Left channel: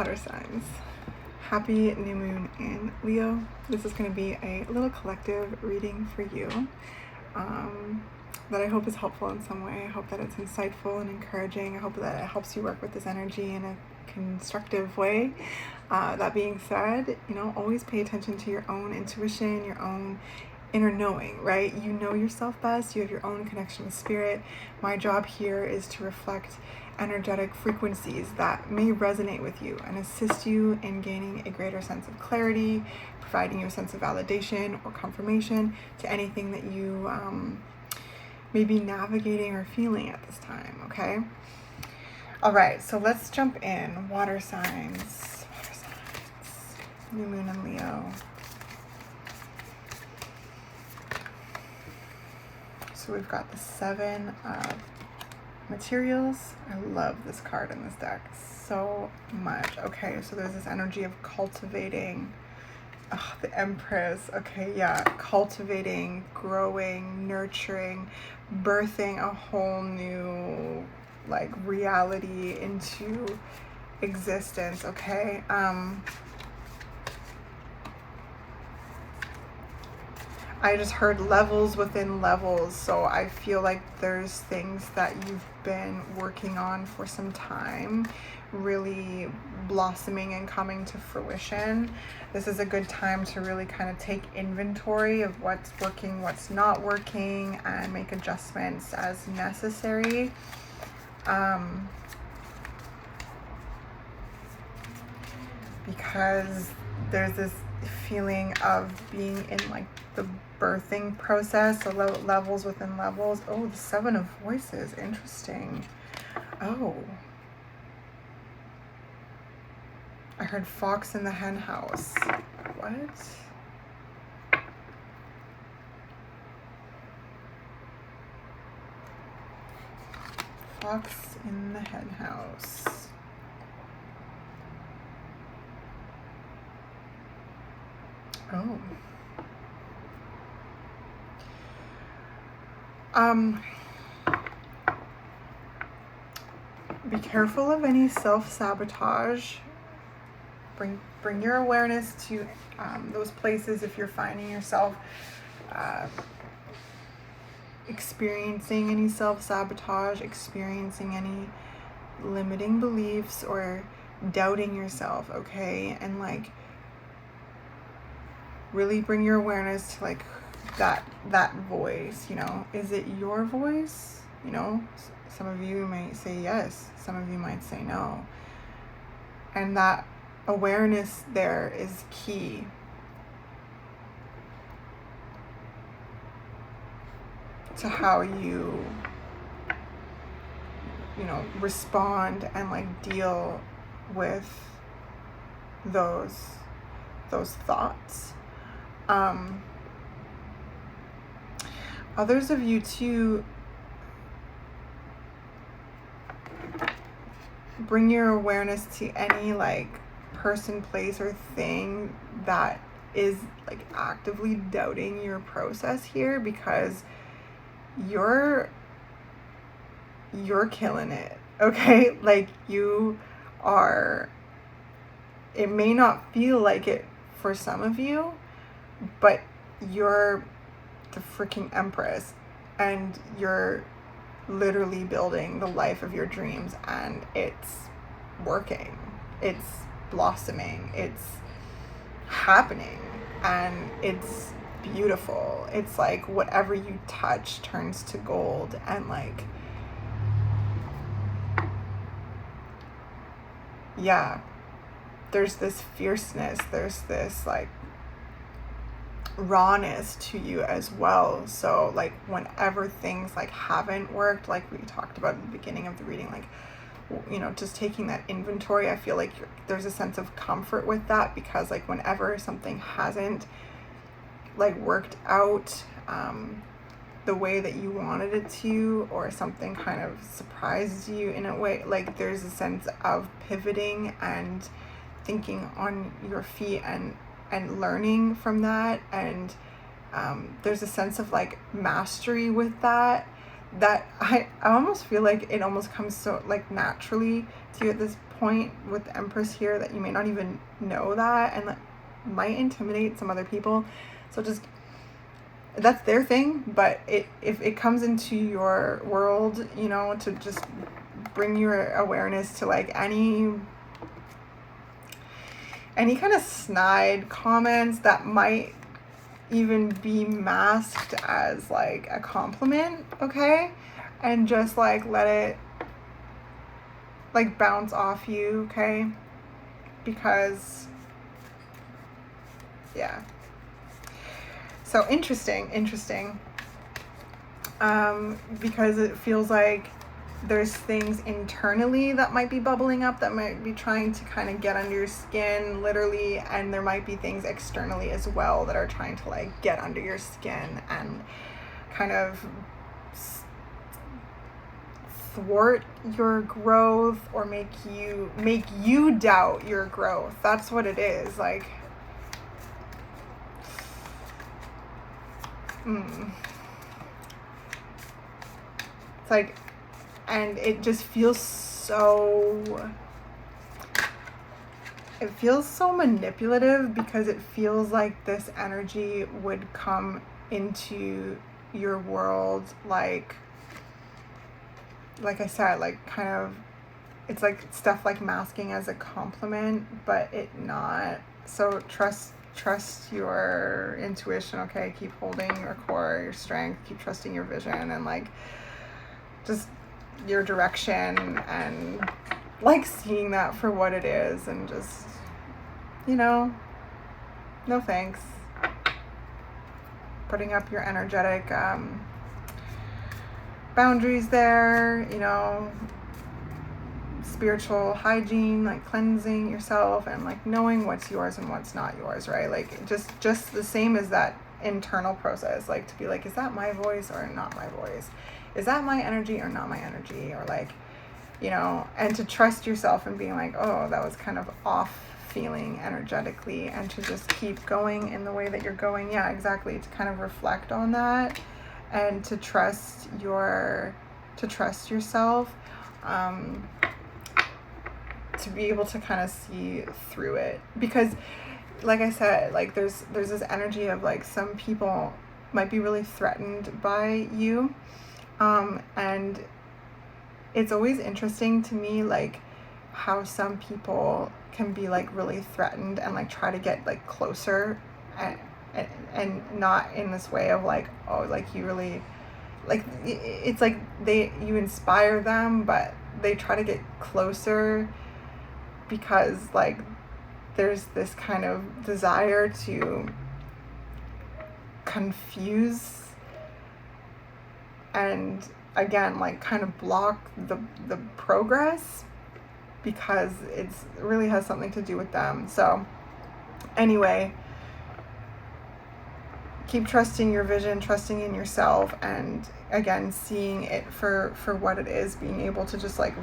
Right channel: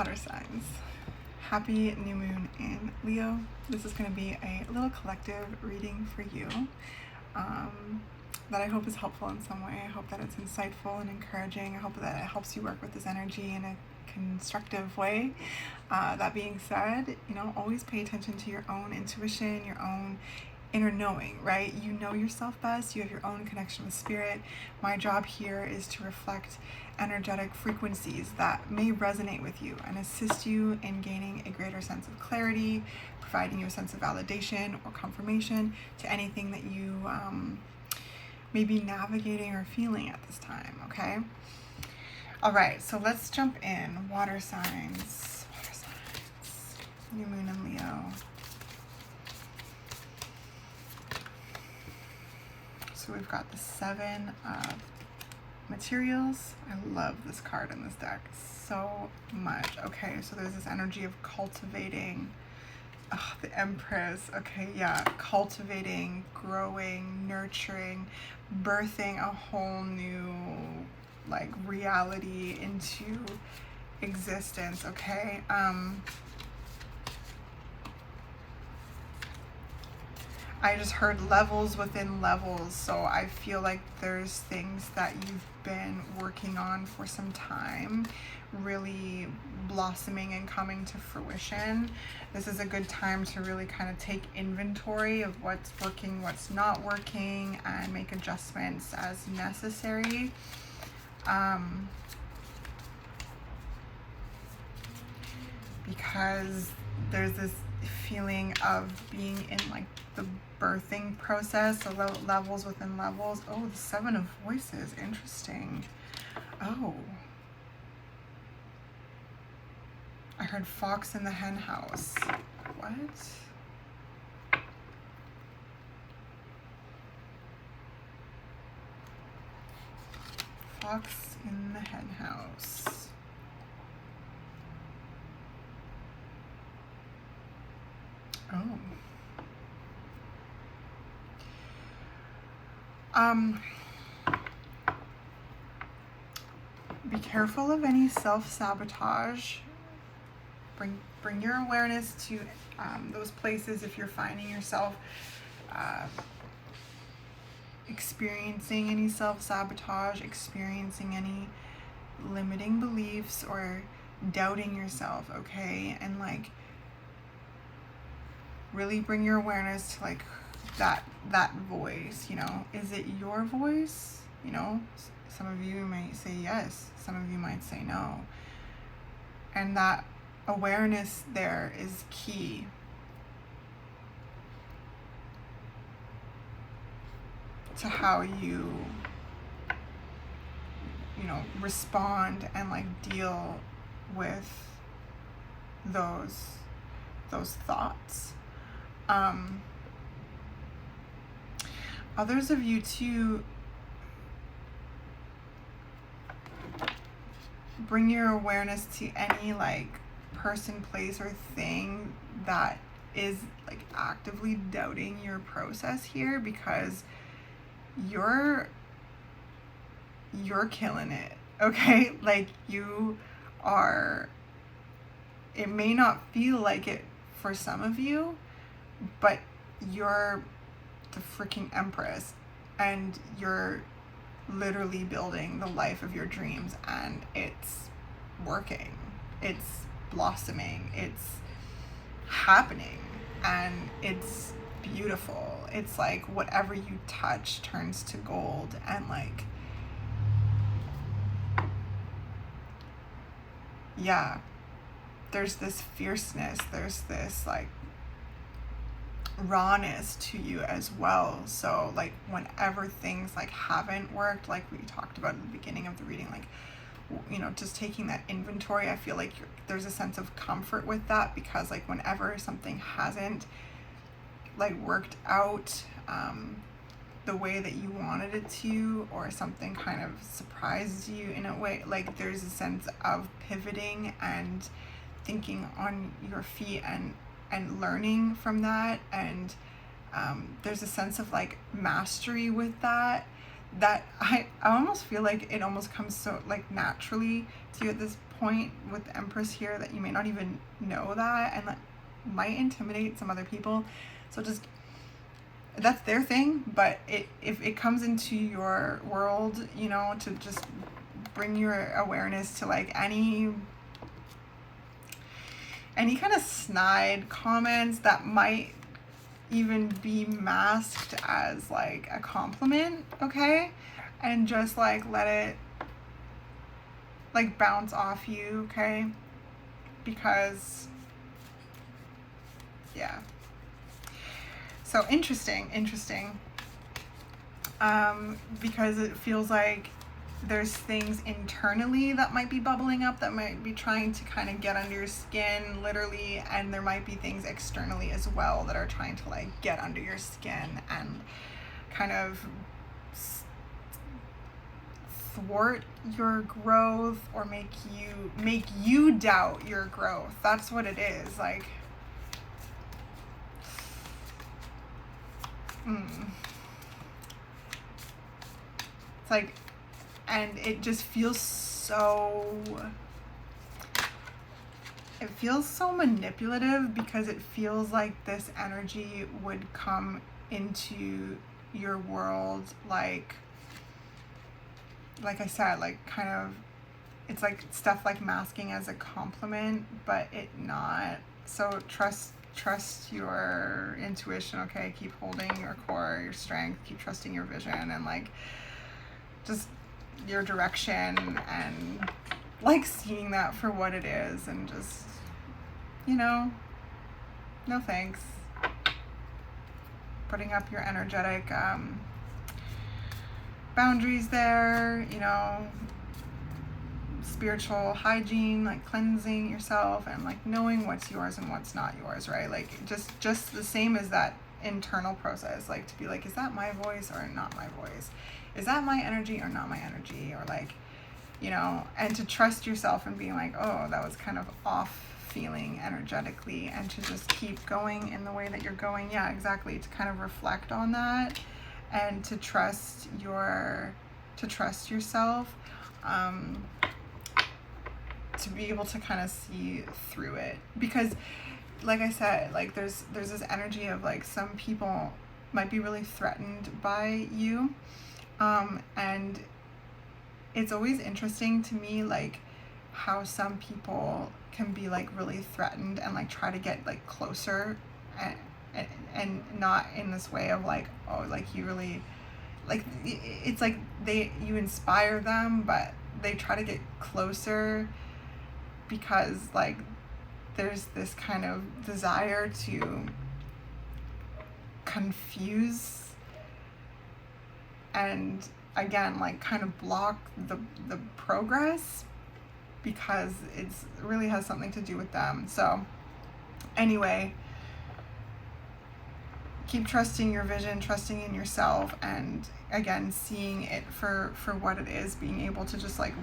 water signs. Happy new moon in Leo. This is going to be a little collective reading for you that I hope is helpful in some way. I hope that it's insightful and encouraging. I hope that it helps you work with this energy in a constructive way. That being said, always pay attention to your own intuition, your own inner knowing, right? You know yourself best. You have your own connection with spirit. My job here is to reflect energetic frequencies that may resonate with you and assist you in gaining a greater sense of clarity, providing you a sense of validation or confirmation to anything that you may be navigating or feeling at this time, okay? All right, so let's jump in. Water signs, new moon in Leo. So we've got the 7 of materials. I love this card in this deck so much. Okay, so there's this energy of cultivating. The Empress. Okay, yeah, cultivating, growing, nurturing, birthing a whole new reality into existence. Okay, I just heard levels within levels, so I feel like there's things that you've been working on for some time really blossoming and coming to fruition. This is a good time to really kind of take inventory of what's working, what's not working, and make adjustments as necessary. Because there's this feeling of being in the birthing process, so levels within levels. Oh, the 7 of Voices, interesting. Oh, I heard fox in the hen house. What? Fox in the hen house. Oh. Be careful of any self-sabotage. Bring your awareness to those places if you're finding yourself experiencing any self-sabotage, experiencing any limiting beliefs or doubting yourself, okay? And really bring your awareness to that voice, is it your voice? Some of you might say yes, some of you might say no. And that awareness there is key. To how you respond and deal with those thoughts. Others of you too, bring your awareness to any person, place, or thing that is actively doubting your process here, because you're killing it, okay? You are, it may not feel like it for some of you, but you're the freaking Empress and you're literally building the life of your dreams, and it's working, it's blossoming, it's happening, and it's beautiful. It's whatever you touch turns to gold, and yeah, there's this fierceness, there's this rawness to you as well. So whenever things haven't worked, we talked about in the beginning of the reading, just taking that inventory, I feel there's a sense of comfort with that, because whenever something hasn't worked out the way that you wanted it to, or something kind of surprised you in a way, there's a sense of pivoting and thinking on your feet and learning from that, and there's a sense of mastery with that I almost feel it almost comes so naturally to you at this point with the Empress here that you may not even know that, and that might intimidate some other people. So just, that's their thing, but if it comes into your world, you know, to just bring your awareness to like any kind of snide comments that might even be masked as like a compliment, okay? And just like let it like bounce off you, okay? Because yeah. So interesting. Because it feels like there's things internally that might be bubbling up, that might be trying to kind of get under your skin, literally, and there might be things externally as well that are trying to like get under your skin and kind of thwart your growth or make you doubt your growth. That's what it is. Like it's like, and it just feels so manipulative, because it feels like this energy would come into your world like I said, like kind of, it's like stuff like masking as a compliment, but it not. So trust your intuition, okay? Keep holding your core, your strength, keep trusting your vision, and like just your direction, and like seeing that for what it is, and just, you know, no thanks. Putting up your energetic boundaries there, you know, spiritual hygiene, like cleansing yourself and like knowing what's yours and what's not yours, right? Like just the same as that internal process, like to be like, is that my voice or not my voice? Is that my energy or not my energy? Or like, you know, and to trust yourself and being like, oh, that was kind of off feeling energetically, and to just keep going in the way that you're going. Yeah, exactly. To kind of reflect on that and to trust yourself, to be able to kind of see through it. Because like I said, like there's this energy of like some people might be really threatened by you, and it's always interesting to me like how some people can be like really threatened and like try to get like closer, and not in this way of like, oh, like you really, like it's like you inspire them, but they try to get closer because like there's this kind of desire to confuse and again like kind of block the progress, because it really has something to do with them. So anyway, keep trusting your vision, trusting in yourself, and again seeing it for what it is, being able to just like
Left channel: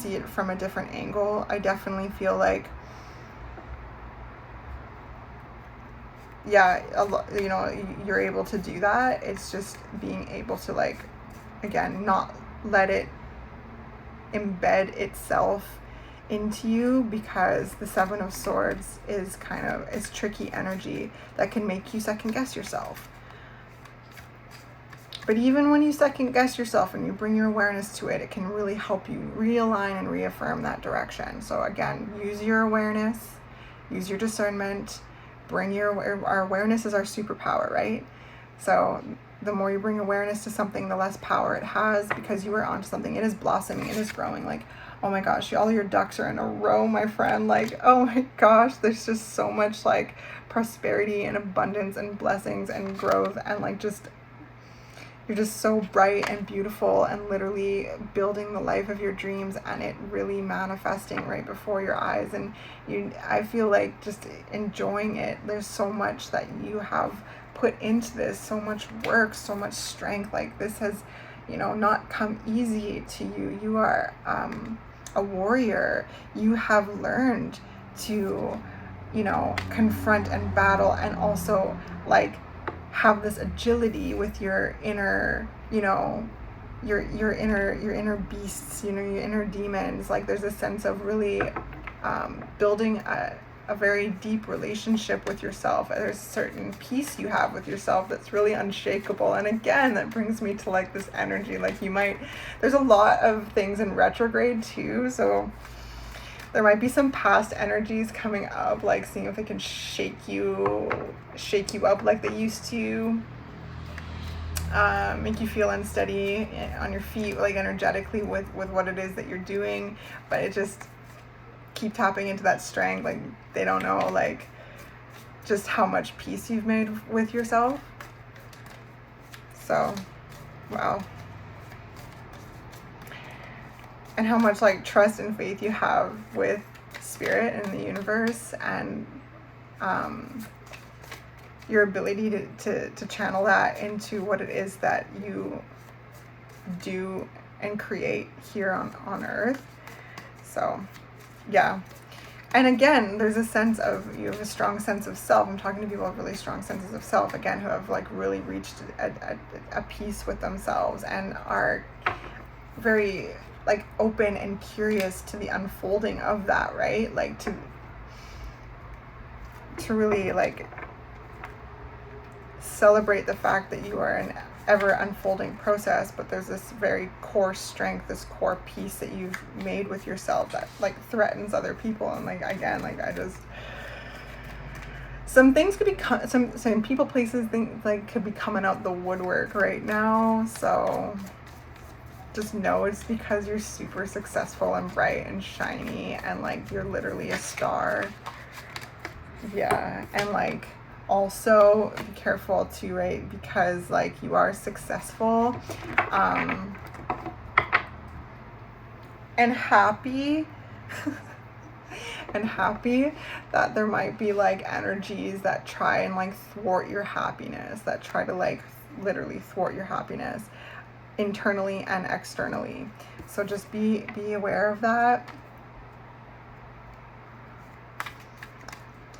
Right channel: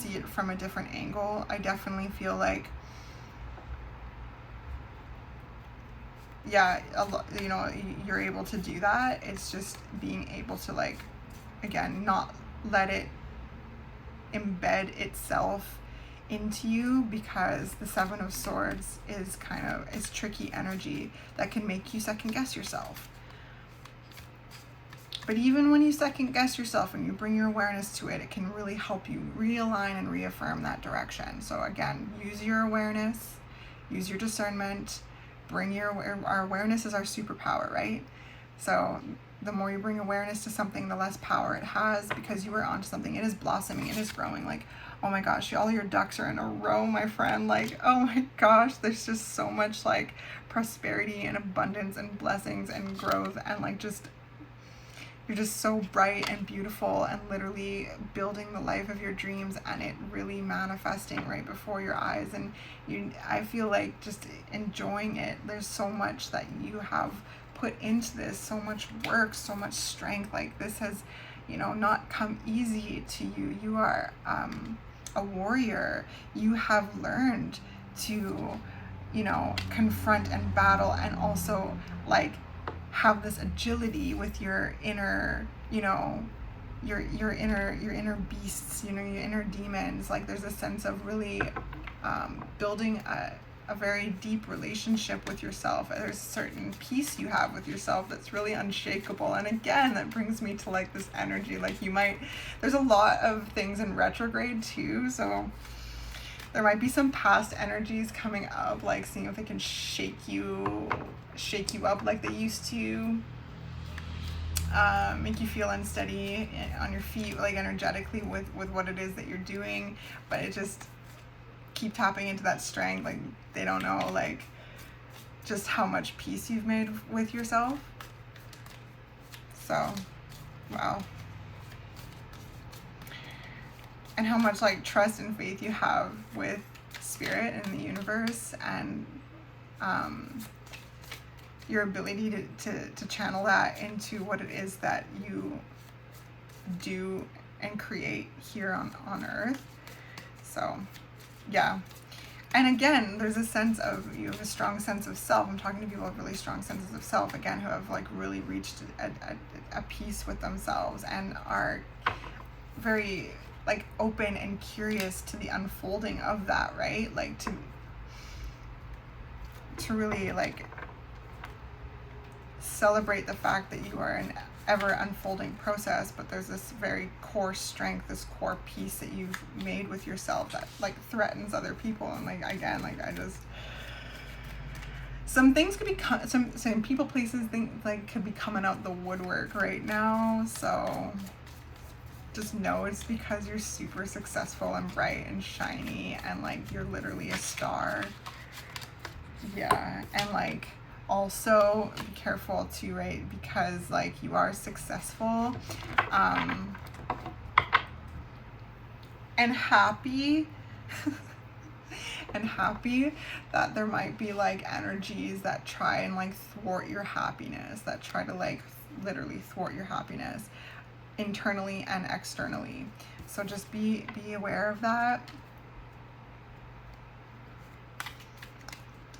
see it from a different angle. I definitely feel like, yeah, you know, you're able to do that. It's just being able to like, again, not let it embed itself into you, because the Seven of Swords is kind of, it's tricky energy that can make you second guess yourself. But even when you second guess yourself and you bring your awareness to it, it can really help you realign and reaffirm that direction. So again, use your awareness, use your discernment, our awareness is our superpower, right? So the more you bring awareness to something, the less power it has, because you are onto something. It is blossoming, it is growing. Like, oh my gosh, all your ducks are in a row, my friend. Like, oh my gosh, there's just so much like prosperity and abundance and blessings and growth, and like just, you're just so bright and beautiful and literally building the life of your dreams, and it really manifesting right before your eyes. And I feel like just enjoying it. There's so much that you have put into this, so much work, so much strength. Like this has, you know, not come easy to you. You are a warrior. You have learned to, you know, confront and battle, and also like have this agility with your inner, you know, your inner beasts, you know, your inner demons. Like there's a sense of really building a very deep relationship with yourself. There's a certain peace you have with yourself that's really unshakable. And again, that brings me to like this energy, like there's a lot of things in retrograde too, so there might be some past energies coming up, like seeing if they can shake you up like they used to, make you feel unsteady on your feet, like energetically with what it is that you're doing. But it just keep tapping into that strength. Like they don't know like just how much peace you've made with yourself. So wow. And how much like trust and faith you have with spirit and the universe, and your ability to channel that into what it is that you do and create here on earth. So yeah. And again, there's a sense of, you have a strong sense of self. I'm talking to people who have really strong senses of self, again, who have like really reached a peace with themselves and are very like open and curious to the unfolding of that, right? Like to really like celebrate the fact that you are an ever unfolding process, but there's this very core strength, this core peace that you've made with yourself that like threatens other people. And like again, like some things could be some people, places, things like could be coming out the woodwork right now. So just know it's because you're super successful and bright and shiny, and like you're literally a star. Yeah. And like also be careful too, right? Because like you are successful and happy and happy, that there might be like energies that try and like thwart your happiness, that try to like literally thwart your happiness internally and externally. So just be aware of that.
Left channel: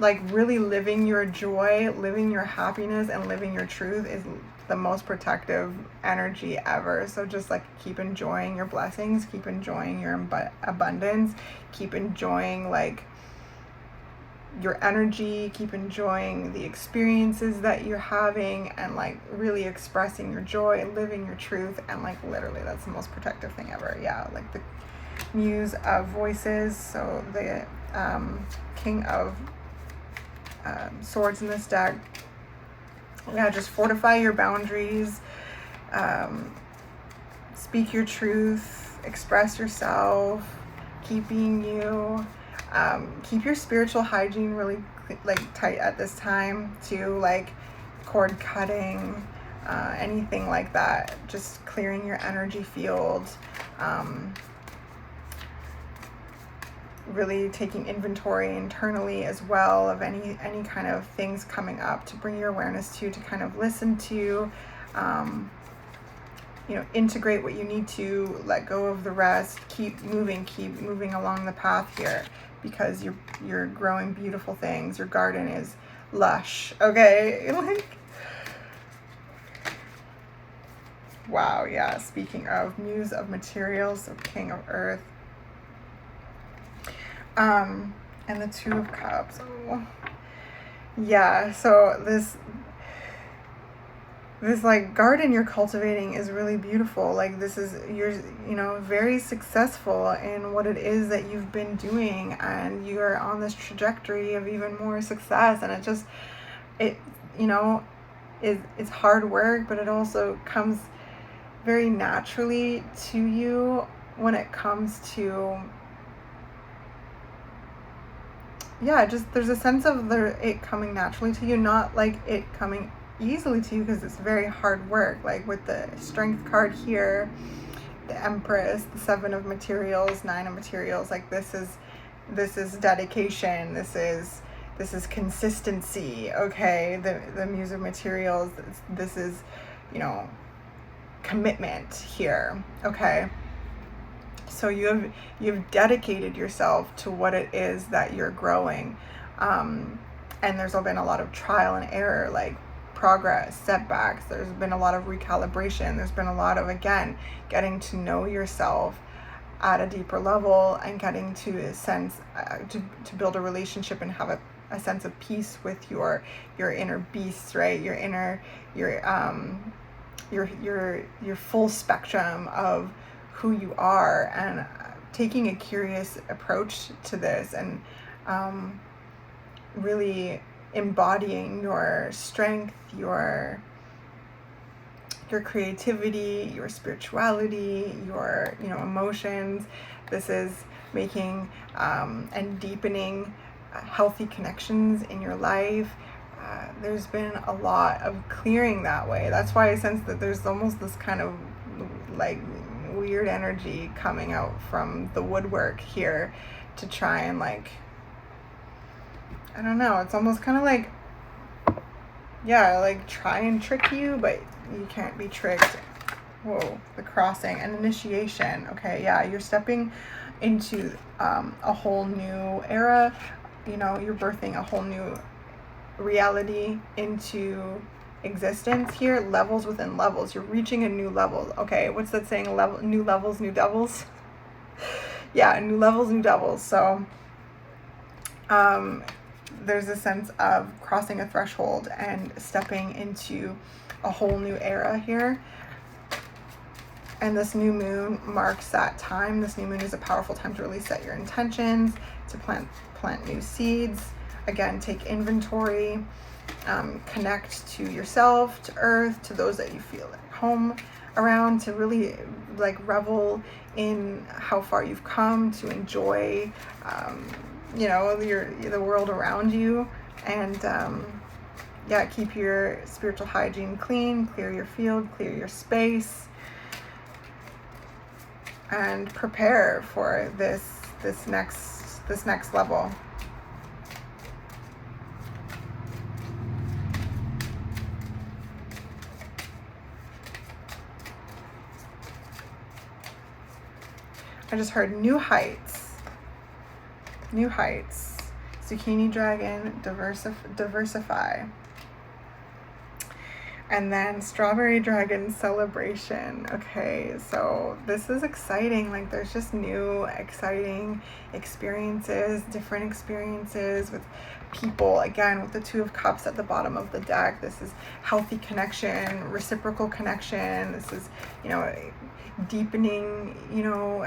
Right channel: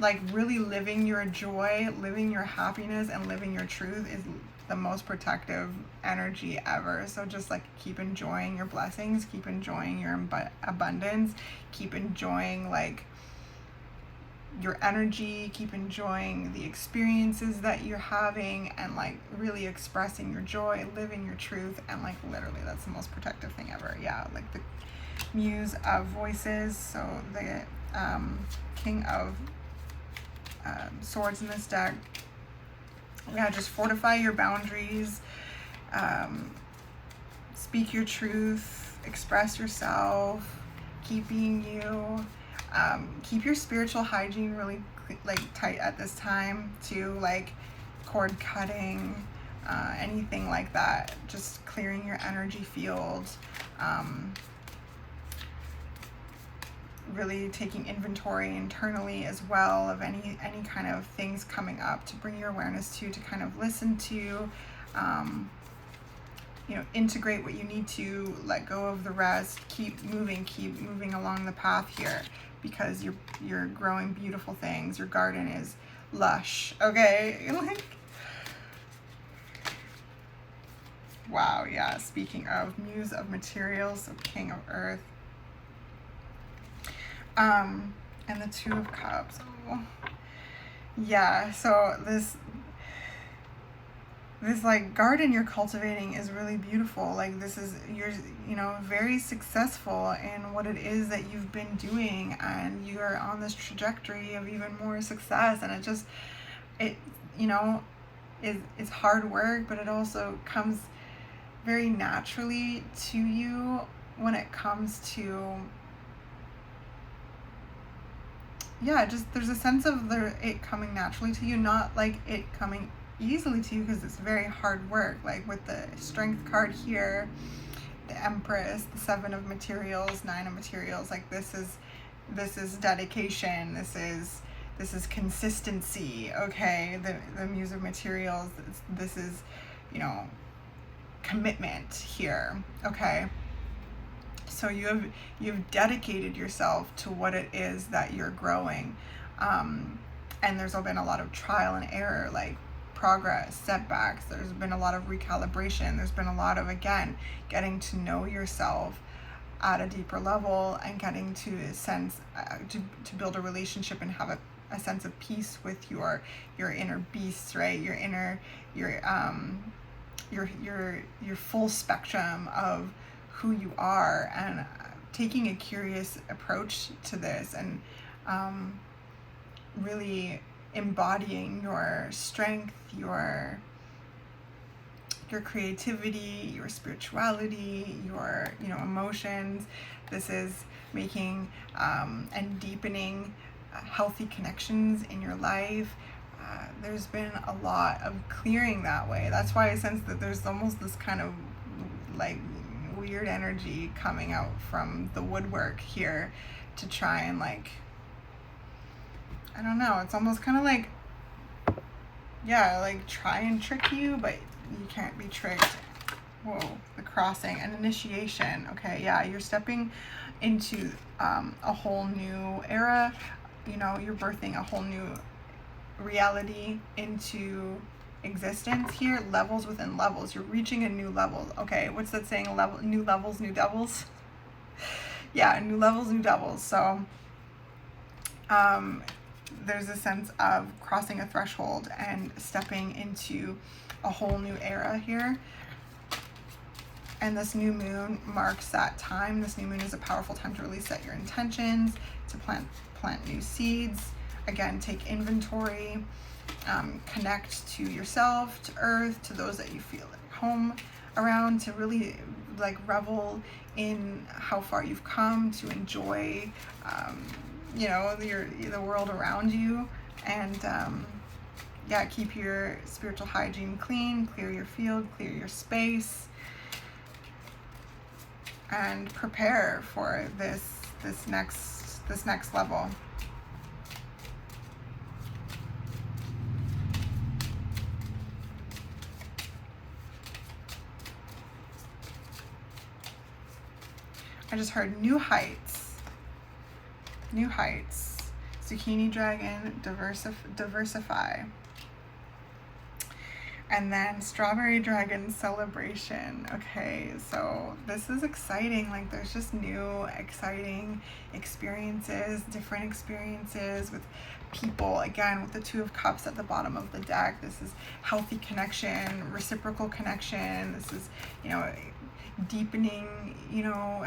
Like really living your joy, living your happiness, and living your truth is the most protective energy ever. So just like keep enjoying your blessings, keep enjoying your abundance, keep enjoying like your energy, keep enjoying the experiences that you're having, and like really expressing your joy and living your truth. And like literally that's the most protective thing ever. Yeah, like the Muse of Voices, so the King of Swords in this deck. Yeah, just fortify your boundaries, speak your truth, express yourself, keep being you, keep your spiritual hygiene really like tight at this time too, like cord cutting, anything like that, just clearing your energy field, really taking inventory internally as well of any kind of things coming up to bring your awareness to kind of listen to, you know, integrate what you need to, let go of the rest, keep moving along the path here, because you're growing beautiful things. Your garden is lush, okay? Like, wow. Yeah, speaking of Muse of Materials, so King of Earth, and the Two of Cups. Oh. Yeah, so this like garden you're cultivating is really beautiful. Like this is, you're, you know, very successful in what it is that you've been doing, and you're on this trajectory of even more success. And it you know, it's hard work, but it also comes very naturally to you when it comes to, yeah, just there's a sense of it coming naturally to you, not like it coming easily to you, because it's very hard work. Like with the Strength card here, the Empress, the Seven of Materials, Nine of Materials, like this is dedication, this is consistency, okay? The Muse of Materials, this is, you know, commitment here, okay? So you've dedicated yourself to what it is that you're growing, and there's been a lot of trial and error, like progress, setbacks. There's been a lot of recalibration. There's been a lot of, again, getting to know yourself at a deeper level and getting to a sense, to build a relationship and have a sense of peace with your inner beast, right? Your inner, your full spectrum of who you are, and taking a curious approach to this, and really embodying your strength, your creativity, your spirituality, your emotions. This is making and deepening healthy connections in your life. There's been a lot of clearing that way. That's why I sense that there's almost this kind of like weird energy coming out from the woodwork here to try and, like, I don't know, it's almost kind of like, yeah, like try and trick you, but you can't be tricked. Whoa, the crossing and initiation. Okay, yeah, you're stepping into a whole new era. You're birthing a whole new reality into existence here. Levels within levels. You're reaching a new level. Okay, what's that saying? New levels, new devils. Yeah, new levels, new devils. So there's a sense of crossing a threshold and stepping into a whole new era here. And this new moon marks that time. This new moon is a powerful time to really set your intentions, to plant new seeds. Again, take inventory, connect to yourself, to earth, to those that you feel at home around, to really like revel in how far you've come, to enjoy the world around you, and yeah, keep your spiritual hygiene clean, clear your field, clear your space, and prepare for this next level. I just heard new heights, zucchini dragon, diversify. And then strawberry dragon, celebration. Okay, so this is exciting. Like, there's just new exciting experiences, different experiences with people. Again, with the Two of Cups at the bottom of the deck, this is healthy connection, reciprocal connection. This is, deepening,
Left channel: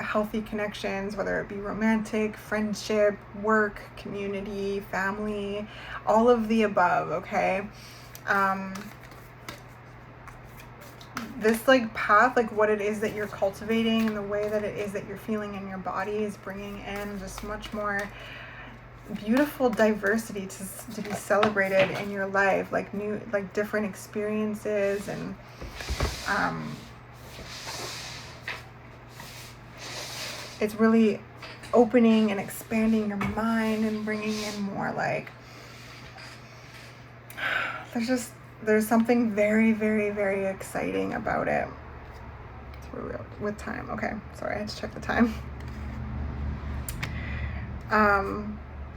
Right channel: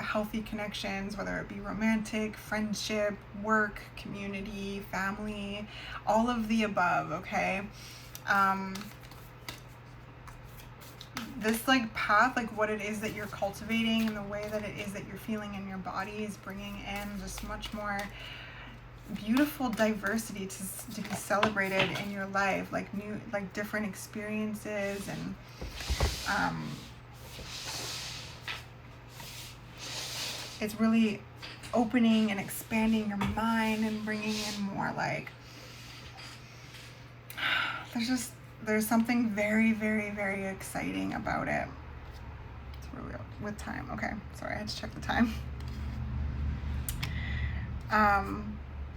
healthy connections, whether it be romantic, friendship, work, community, family, all of the above. Okay. This like path, like what it is that you're cultivating and the way that it is that you're feeling in your body is bringing in just much more beautiful diversity to be celebrated in your life, like new, like different experiences, and it's really opening and expanding your mind and bringing in more, like, there's something very, very, very exciting about it. So we're with time. Okay, sorry, I had to check the time.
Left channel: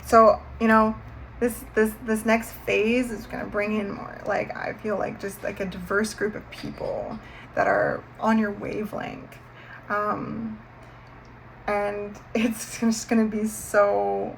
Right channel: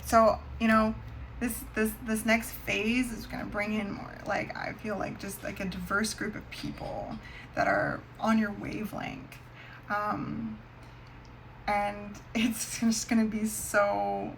So this next phase is going to bring in more, like, I feel like just like a diverse group of people that are on your wavelength, and it's just going to be so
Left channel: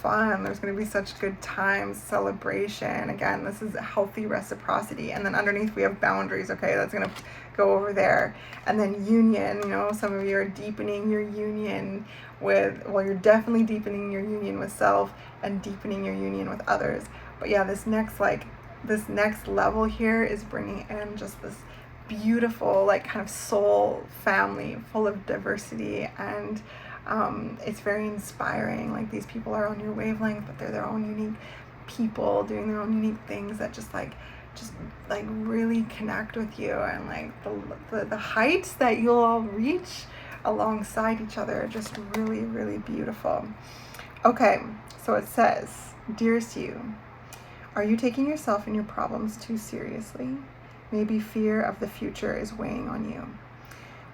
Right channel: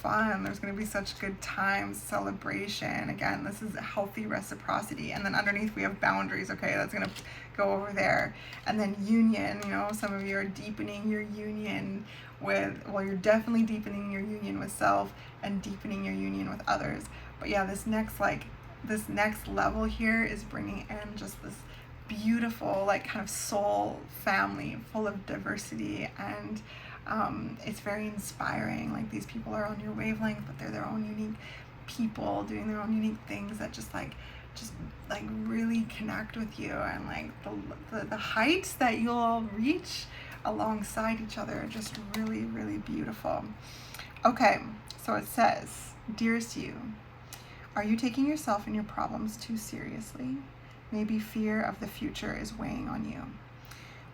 fun. There's going to be such good times, celebration. Again, this is a healthy reciprocity. And then underneath we have boundaries. Okay, that's going to go over there. And then union, some of you are deepening your union with, well, you're definitely deepening your union with self and deepening your union with others. But yeah, this next level here is bringing in just this beautiful, like, kind of soul family full of diversity, and it's very inspiring. Like, these people are on your wavelength, but they're their own unique people doing their own unique things that just really connect with you, and like the heights that you'll all reach alongside each other are just really, really beautiful. Okay, so it says, dearest you, are you taking yourself and your problems too seriously? Maybe fear of the future is weighing on you.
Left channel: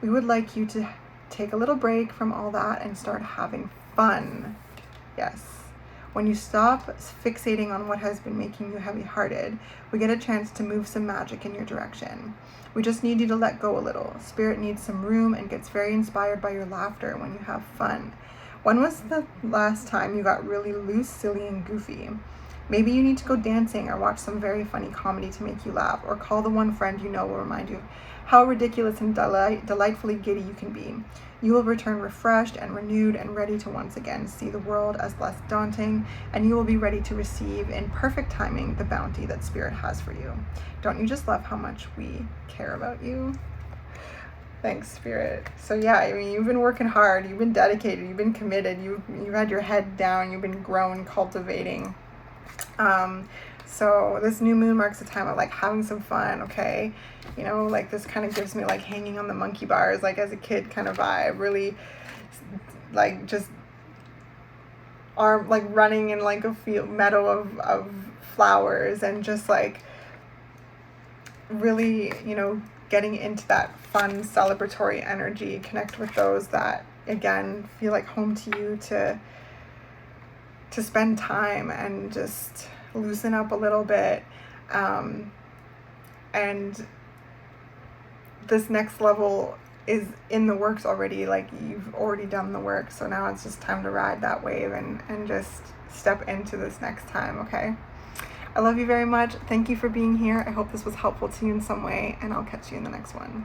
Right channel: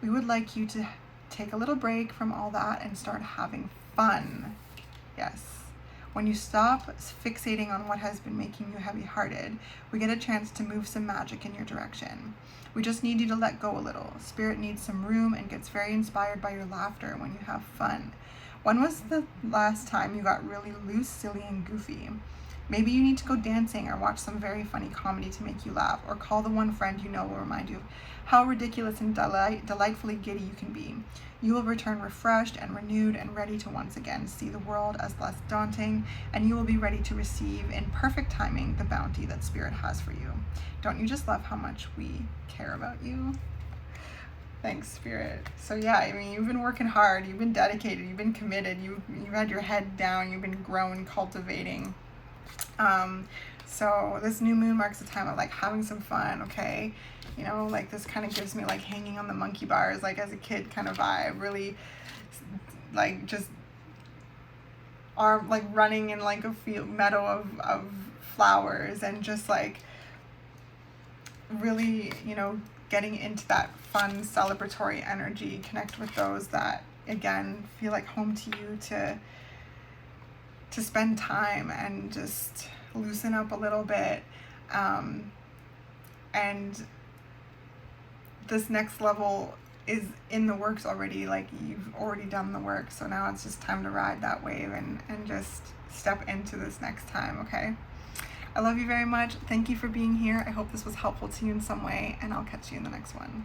We would like you to take a little break from all that and start having fun. Yes. When you stop fixating on what has been making you heavy-hearted, we get a chance to move some magic in your direction. We just need you to let go a little. Spirit needs some room and gets very inspired by your laughter when you have fun. When was the last time you got really loose, silly, and goofy? Maybe you need to go dancing or watch some very funny comedy to make you laugh, or call the one friend you know will remind you of how ridiculous and delightfully giddy you can be. You will return refreshed and renewed and ready to once again see the world as less daunting, and you will be ready to receive in perfect timing the bounty that Spirit has for you. Don't you just love how much we care about you? Thanks, Spirit. So yeah, I mean, you've been working hard, you've been dedicated, you've been committed, you've had your head down, you've been growing, cultivating. So this new moon marks a time of like having some fun, okay? You know, like this kind of gives me like hanging on the monkey bars, like as a kid kind of vibe, really like just like running in like a field meadow of flowers, and just like really, you know, getting into that fun celebratory energy. Connect with those that again feel like home to you, to spend time and just loosen up a little bit. And this next level is in the works already. Like, you've already done the work, so now it's just time to ride that wave and just step into this next time, okay? I love you very much. Thank you for being here. I hope this was helpful to you in some way, and I'll catch you in the next one.